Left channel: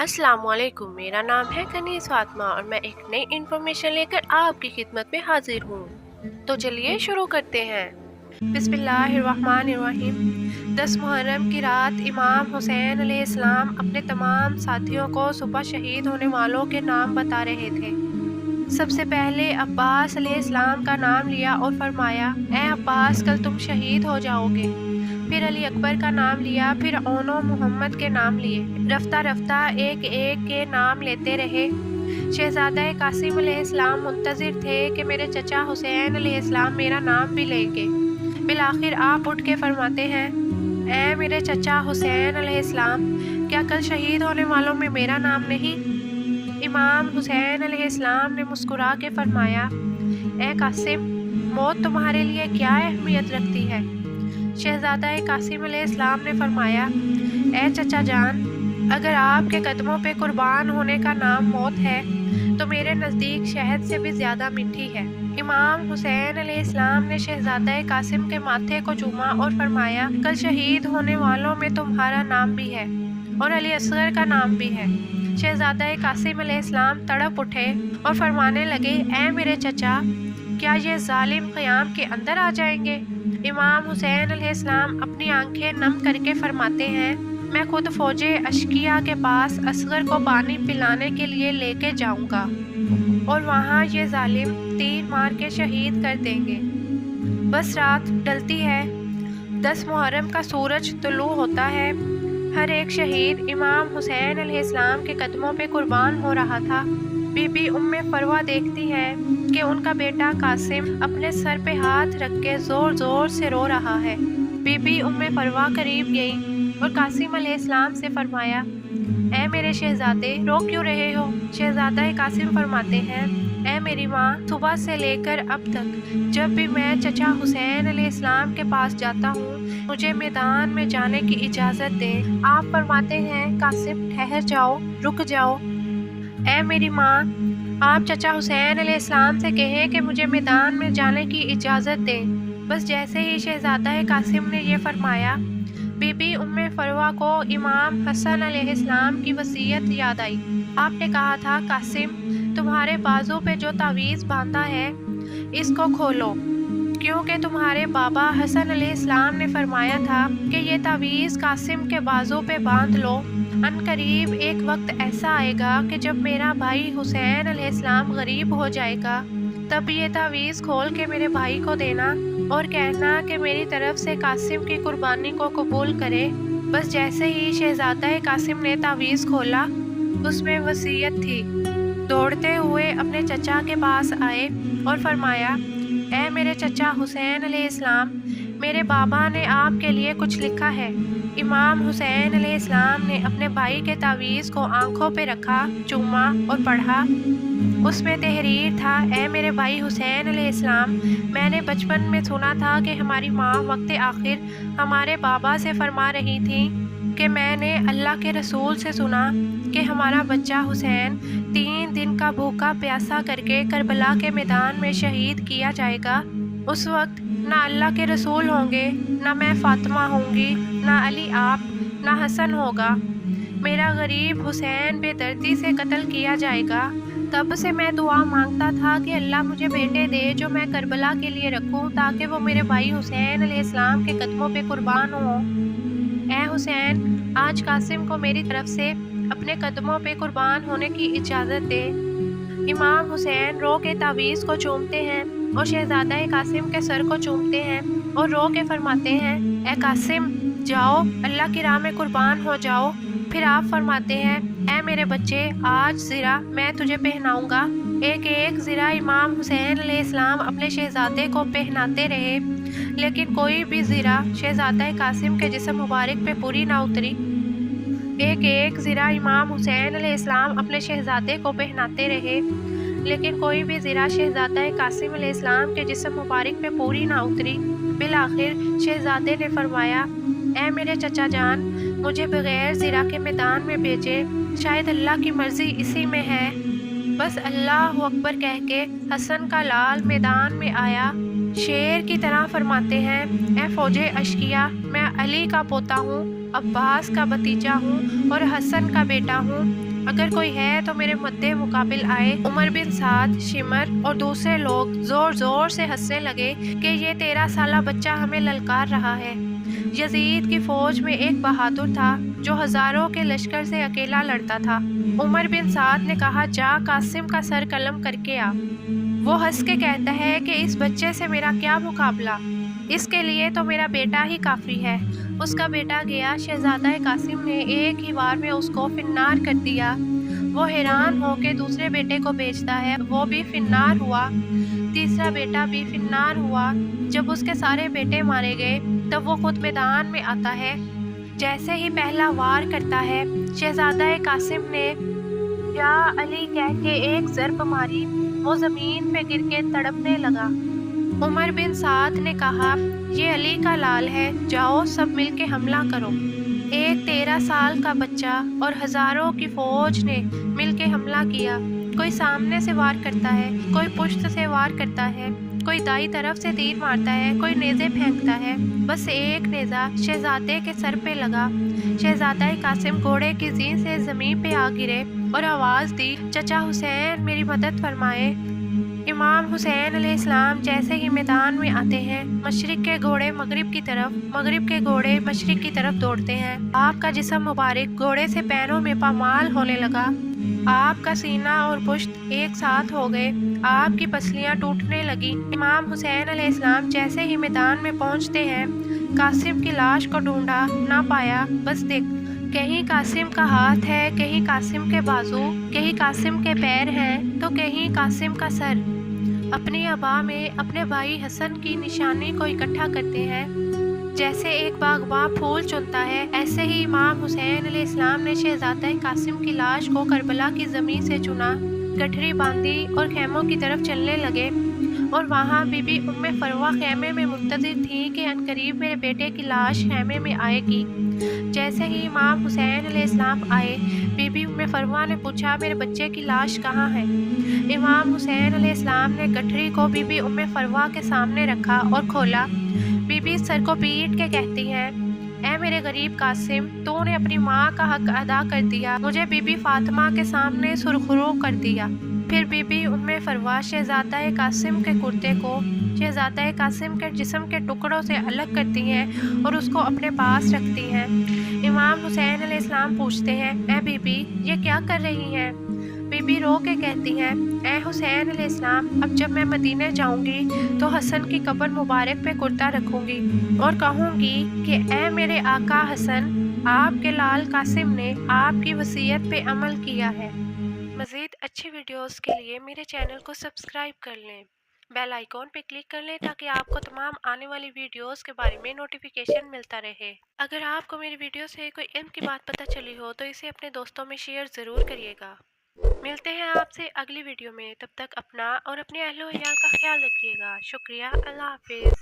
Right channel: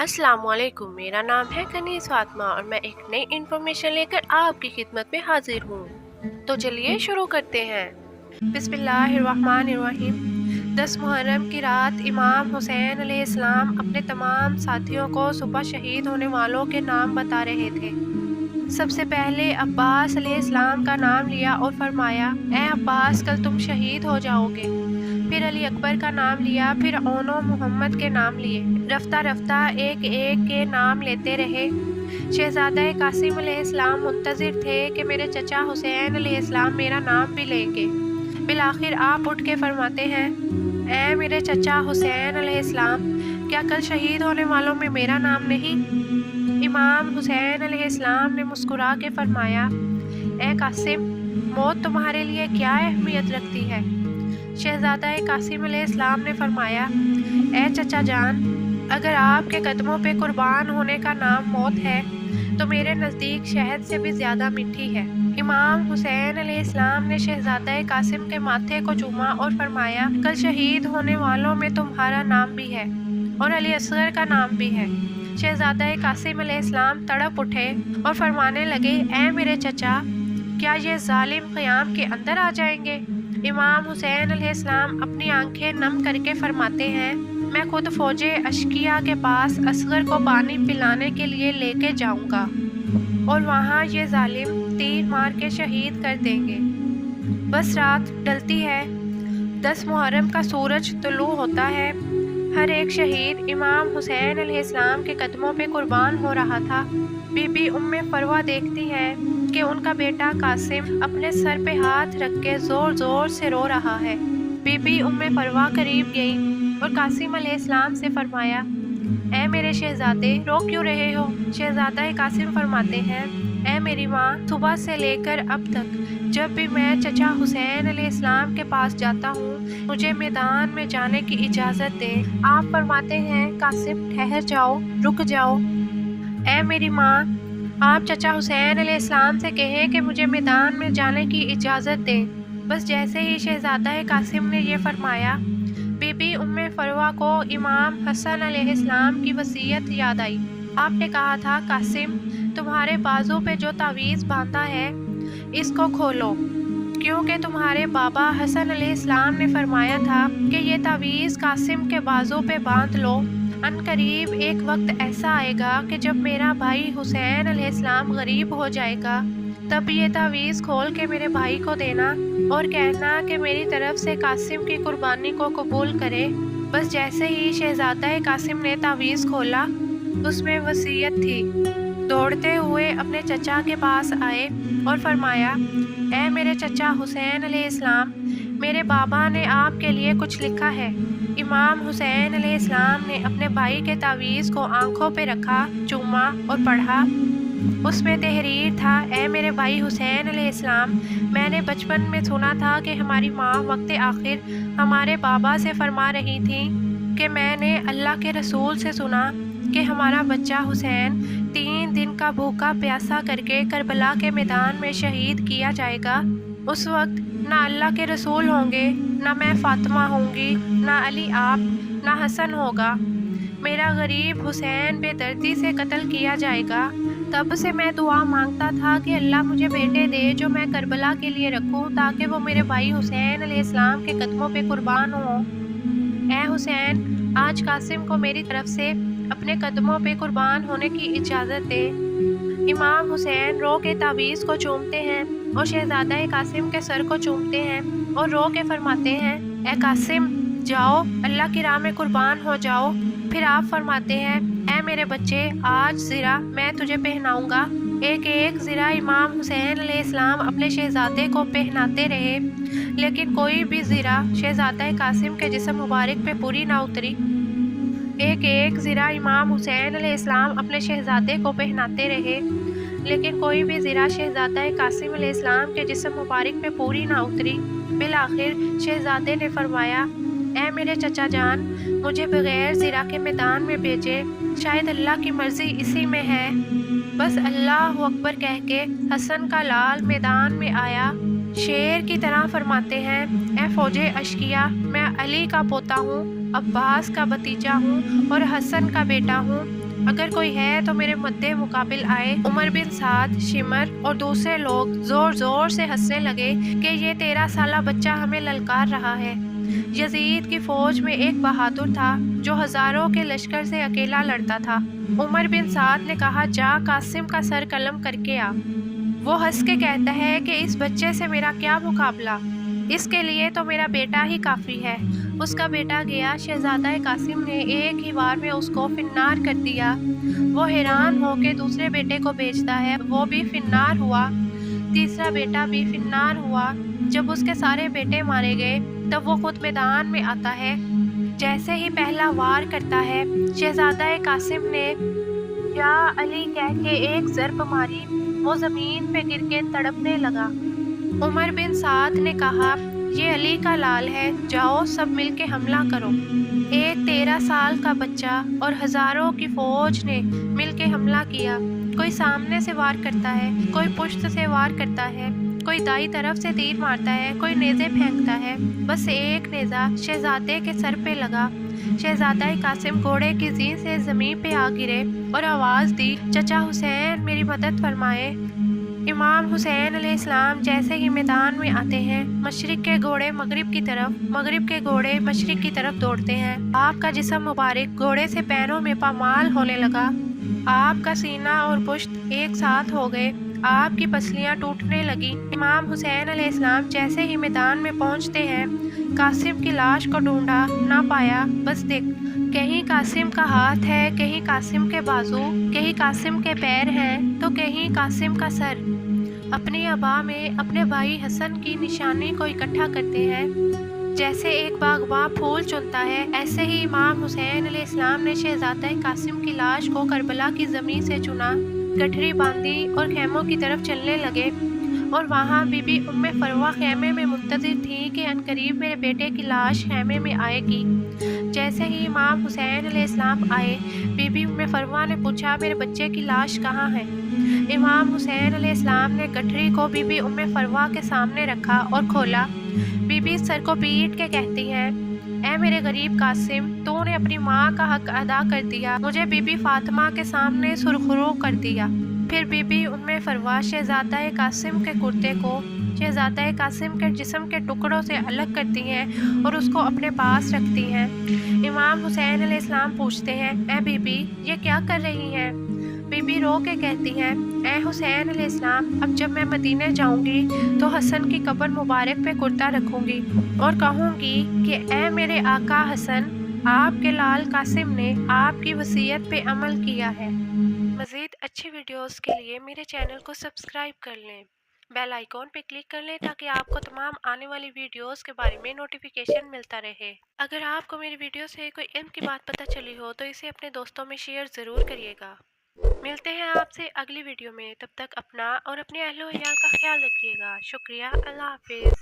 अस्सलाम वालेकुम। मेरा नाम है कनीज़ फातिमा और मैं एक नई इन्फॉर्मेशन लेकर आपकी खिदमत में हाजिर हूँ। तो चलिए शुरू करते हैं। बिस्मिल्लाहिर्रहमानिर्रहीम। 10 मुहर्रम की रात इमाम हुसैन अलैहिस्सलाम अपने तमाम साथियों को सुबह शहीद होने वालों के नाम बता रहे थे। सबसे पहले अब्बास अलैहिस्सलाम का नाम लिया और फरमाया, ए अब्बास, कल तुम शहीद हो जाओगे। फिर अली अकबर का नाम लिया, फिर ओनो मोहम्मद के नाम लिए। रफ्ता रफ्ता एक एक के नाम लेते रहे। शहजादा कासिम अलैहिस्सलाम मुंतज़िर थे कि मेरे चचा हुसैन अलैहिस्सलाम मेरा नाम भी लेंगे। बिलाखिर आप उठ के फरमाते हैं, ए मेरे चचा हुसैन अलैहिस्सलाम, क्या कल शहीद होने वालों में मेरा नाम नहीं? इमाम हुसैन अलैहिस्सलाम ने मुस्कुरा के फरमाया, ए कासिम, मौत तुम्हारे लिए क्या अहमियत रखती है? शहजादा कासिम अलैहिस्सलाम ने फरमाया, ए चचा जान, अगर आपके कदमों पे कुर्बान होने का नाम मौत है तो मेरे नज़दीक शहद से भी ज़्यादा मीठी है। इमाम हुसैन अलैहिस्सलाम ने शहजादा कासिम के माथे को चूमा और फरमाया, कल शहीद होने वालों में तुम्हारा नाम भी है और अली असगर का नाम भी है। शहजादा कासिम अलैहिस्सलाम तड़प उठे और फरमाने लगे, ए मेरे चचा, क्या ये जालिम क़याम के अंदर आ जाएंगे? इमाम हुसैन अलैहिस्सलाम अपनी आंखें नम करके फरमाते हैं, मैं खुद फौजे अशकिया के पास असगर को पानी पिलाने के लिए लेके जाऊंगा और वहाँ ये जालिम तीर मार के शहीद कर देंगे। बस रात डलती है, 10 मुहर्रम का सूरज तुलू होता है। हर एक शहीद इमाम हुसैन अलैहिस्सलाम के कदमों पे कुर्बान हो रहा था। बीबी उम्मे फरवा देखती है कि उनका बेटा कासिम अपने सर पे हाथ रख के ज़ोर ज़ोर से रो रहा है। बीबी उम्मे फरवा करीब गई और कासिम अलैहिस्सलाम से फरमाया, ए मेरे शहजादे, रो क्यों रहे हो? शहजादा कासिम फरमाते हैं, ए मेरी माँ, सुबह से लेकर अब तक जब भी मैं चचा हुसैन अलैहिस्सलाम के पास जाता हूँ, मुझे मैदान में जाने की इजाज़त दें। आप फरमाते हैं, कासिम ठहर जाओ, रुक जाओ। ए मेरी माँ, आप चचा हुसैन अलैहिस्सलाम से कहें कि मुझे मैदान में जाने की इजाज़त दें। बस जैसे ही शहजादा कासिम ने यह फरमाया, बीबी उम्मे फरवा को इमाम हसन अलैहिस्सलाम की वसीयत याद आई। आपने कहा था, कासिम, तुम्हारे बाजू पे जो तावीज़ बांधा है इसको खोलो, क्योंकि तुम्हारे बाबा हसन अलैहिस्सलाम ने फरमाया था कि ये तावीज़ कासिम के बाजू पे बांध लो। अनकरीब एक वक्त ऐसा आएगा कि जब मेरा भाई हुसैन अलैहिस्सलाम गरीब हो जाएगा, तब ये तावीज़ खोल के मेरे भाई को देना और कहना कि मेरी तरफ से कासिम की कुर्बानी को कबूल करे। बस जैसे ही शहजादा कासिम ने तावीज़ खोला, उसमें वसीयत थी। दौड़ते हुए अपने चचा के पास आए और फरमाया, ए मेरे चचा हुसैन अलैहिस्सलाम, मेरे बाबा ने आपके लिए कुछ लिखा है। इमाम हुसैन अलैहिस्सलाम ने अपने भाई के तावीज़ को आंखों पे रखा, चूमा और पढ़ा। उसमें तहरीर था, ए मेरे भाई हुसैन अलैहिस्सलाम, मैंने बचपन में सुना था कि हमारी माँ वक्त आखिर हमारे बाबा से फरमा रही थी कि मैंने अल्लाह के रसूल से सुना कि हमारा बच्चा हुसैन 3 दिन का भूखा प्यासा करके करबला के मैदान में शहीद किया जाएगा। उस वक्त ना अल्लाह के रसूल होंगे, ना मैं फातिमा होंगी, ना अली आप, ना हसन होगा। मेरा गरीब हुसैन बेदर्दी से कत्ल किया जाएगा। तब से मैं दुआ मांगता था कि अल्लाह मुझे बेटे दे जो मैं करबला के लिए रखूं, ताकि वो मेरे भाई हुसैन अलैहिस्सलाम के कदमों पे कुर्बान हो। ए हुसैन, आज कासिम को मेरी तरफ से अपने कदमों पे कुर्बान होने की इजाज़त दे। इमाम हुसैन रो के तावीज़ को चूमते हैं और शहजादा कासिम के सर को चूमते हैं और रो के फरमाते हैं, ए कासिम, जाओ, अल्लाह की राह में कुर्बान हो जाओ। फिर आप फरमाते हैं, ए मेरे बच्चे, आज ज़रा मैं तुझे पहनाऊंगा। एक एक ज़रा इमाम हुसैन अलैहिस्सलाम अपने शहजादे को पहनाते रहे, लेकिन कोई भी ज़रा शहजादा कासिम के जिस्म मुबारक पे पूरी ना उतरी। एक एक ज़रा इमाम हुसैन अलैहिस्सलाम अपने शहजादे को पहनाते रहे, लेकिन कोई भी ज़रा शहजादा कासिम अलैहिस्सलाम के जिस्म मुबारक पे पूरी ना उतरी। बिलाखिर शहजादे ने फरमाया, ए मेरे चचा जान, मुझे बग़ैर ज़रा के मैदान में भेजे, शायद अल्लाह की मर्ज़ी इसी में है। बस अल्लाह अकबर कह के हसन का लाल मैदान में आया شیر کی طرح فرماتے ہیں، اے فوج اشقیا، میں علی کا پوتا ہوں، عباس کا بھتیجا ہوں اور حسن کا بیٹا ہوں۔ اگر کوئی ہے تو میرے مدِ مقابل آئے۔ عمر بن سعد، شمر اور دوسرے لوگ زور زور سے ہنسنے لگے کہ یہ 13 سالہ بچہ ہمیں للکار رہا ہے۔ یزید کی فوج میں ایک بہادر تھا جو ہزاروں کے لشکر سے اکیلا لڑتا تھا۔ عمر بن سعد نے کہا، جا قاسم کا سر قلم کر کے آ۔ وہ ہنس کے کہتا ہے کہ اس بچے سے میرا کیا مقابلہ، اس کے لیے تو میرا بیٹا ہی کافی ہے۔ اس کا بیٹا گیا، شہزادہ قاسم نے ایک ہی وار میں اس کو فنار کر دیا۔ وہ حیران ہو کے دوسرے بیٹے کو بھیجتا ہے، وہ بھی فنار ہوا۔ تیسرا بیٹا بھی فنار ہوا۔ جب اس کے سارے بیٹے مارے گئے تب وہ خود میدان میں آتا ہے۔ جیسے ہی پہلا وار کرتا ہے، شہزادہ قاسم نے یا علی کہہ کے ایک ضرب ماری، وہ زمین پہ گر کے تڑپنے لگا۔ عمر بن سعد نے کہا، یہ علی کا لال ہے، جاؤ سب مل کے حملہ کرو۔ ایک 13 سال کا بچہ اور ہزاروں کی فوج نے مل کے حملہ کیا۔ کوئی سامنے سے وار کرتا ہے، کوئی پشت سے وار کرتا ہے، کوئی دائیں طرف سے تیر مارتا ہے، کوئی نیزے پھینکتا ہے۔ بس ایک نیزہ شہزادے کے سر پہ لگا۔ شہزادہ قاسم گھوڑے کی زین سے زمین پہ آ گرے اور آواز دی، چچا حسین میری مدد فرمائے۔ امام حسین علیہ السلام جیسے ہی میدان میں آتے ہیں، مشرق کے گھوڑے مغرب کی طرف، مغرب کے گھوڑے مشرق کی طرف دوڑتے ہیں۔ آپ کا جسم مبارک گھوڑے سے پیروں میں پامال ہونے لگا۔ آپ کا سینہ اور پشت ایک ساتھ ہو گئے، آپ کی پسلیاں ٹوٹنے لگیں۔ امام حسین علیہ السلام جیسے ہی میدان میں پہنچتے ہیں، قاسم کی لاش کو ڈھونڈا، نہ پایا۔ بس دیکھ، کہیں قاسم کا ہاتھ ہے، کہیں قاسم کے بازو، کہیں قاسم کے پیر ہیں تو کہیں قاسم کا سر۔ اپنی عبا میں اپنے بھائی حسن کی نشانی کو اکٹھا کرتے ہیں۔ جیسے ایک باغباں پھول چنتا ہے، ایسے ہی امام حسین علیہ السلام نے شہزادہ قاسم کی لاش کو کربلا کی زمین سے چنا، گٹھری باندھی اور خیموں کی طرف چلنے لگے۔ اور وہاں بی بی ام فروہ خیمے میں منتظر تھی کہ عنقریب میرے بیٹے کی لاش خیمے میں آئے گی۔ جیسے ہی امام حسین علیہ السلام آئے، بی بی ام فروہ نے پوچھا، میرے بچے کی لاش کہاں ہے؟ امام حسین علیہ السلام نے گٹھری کو بی بی ام فروہ کے سامنے رکھا اور کھولا۔ بی بی سر کو پیٹ کے کہتی ہیں، اے میرے غریب قاسم، تو نے اپنی ماں کا حق ادا کر دیا، مجھے بی بی فاطمہ کے سامنے سرخرو کر دیا۔ پھر بی بی ام فروہ شہزادہ قاسم کے کرتے کو شہزادہ قاسم کے جسم کے ٹکڑوں سے الگ کرتی ہیں اور اس کو اپنے پاس رکھتی ہیں۔ امام حسین علیہ السلام پوچھتے ہیں، اے بی بی یہ کیا کر رہی ہیں؟ بی بی رو کے کہتی ہیں، اے حسین علیہ السلام، اب جب میں مدینے جاؤں گی تو حسن کی قبر مبارک پہ کرتا رکھوں گی اور کہوں گی کہ اے میرے آقا حسن، آپ کے لال قاسم نے آپ کی وصیت پہ عمل کیا ہے۔ مزید اچھی ویڈیوز کے لیے میرے چینل کو سبسکرائب کر لیں، بیل آئیکن پہ کلک کر لیں تاکہ آپ کو تمام آنے والی ویڈیوز کے بارے میں نوٹیفیکیشن ملتا رہے۔ اگر آپ کو میری ویڈیو سے کوئی علم کی بات پتہ چلی ہو تو اسے اپنے دوستوں میں شیئر ضرور کریے گا۔ ملتے ہیں آپ سے اگلی ویڈیو میں، تب تک اپنا اور اپنے اہل و عیال کا خیال رکھیے گا۔ شکریہ، اللہ حافظ۔